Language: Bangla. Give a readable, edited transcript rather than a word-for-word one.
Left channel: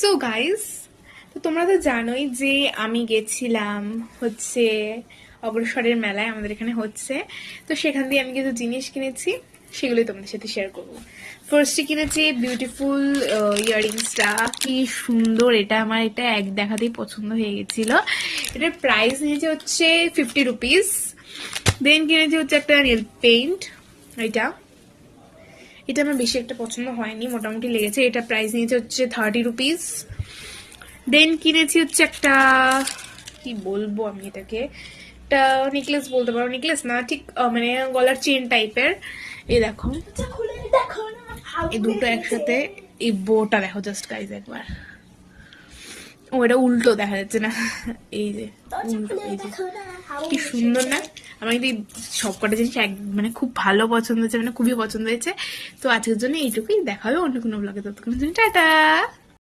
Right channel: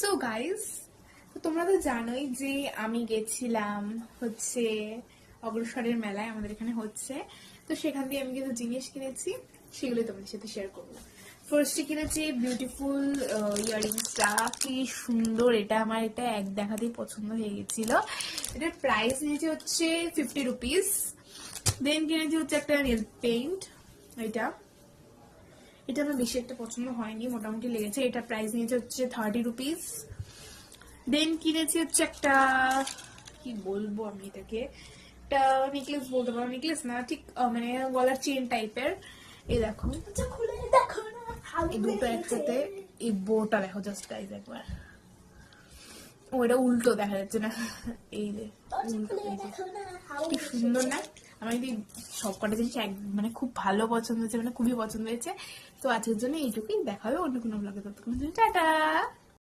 সো গাইস, তো তোমরা তো জানোই যে আমি গেছিলাম হচ্ছে অগ্রসরের মেলায়, আমাদের এখানে হচ্ছে। তো সেখান দিয়ে আমি কিছু জিনিস কিনেছি, সেগুলোই তোমাদের সাথে শেয়ার করবো। ফার্স্টে কিনেছি বিউটিফুল ইয়াররিংসটা। কি সুন্দর এটা! আমার এটা এক দেখাতেই পছন্দ হয়ে গেছিল। এটার প্রাইস নিয়েছে হচ্ছে 50 রুপিস। দেন কিনেছি হচ্ছে একটা নেল পেইন্ট। এটা এটা আমার বেশি একটা পছন্দ হয়নি, মোটামুটি লেগেছে। এটা প্রাইস নিয়েছে হচ্ছে 30 রুপিস। দেন কিনেছি হচ্ছে একটা, কি বলবো আমি এটাকে, একটা নেকলেস বলতে পারো, নেকলেস না ঠিক, মানে গলার চেন টাইপের। এই দেখো, এই দুটো একসাথে, এই বোটা দেখো জাস্ট গাইজ একবার। ও এটা উল্টো দেখা যাচ্ছে না, এই যে উল্টো, এই যে কি সুন্দর না! আমার কিন্তু সবকটা জিনিস মানে খুব ভালো পছন্দ হয়েছে, মানে খুবই পছন্দ হয়েছে। তো আজকের জন্য এইটুকুই, দেখা হবে অন্য কোনো ব্লগে। ততক্ষণ টাটা।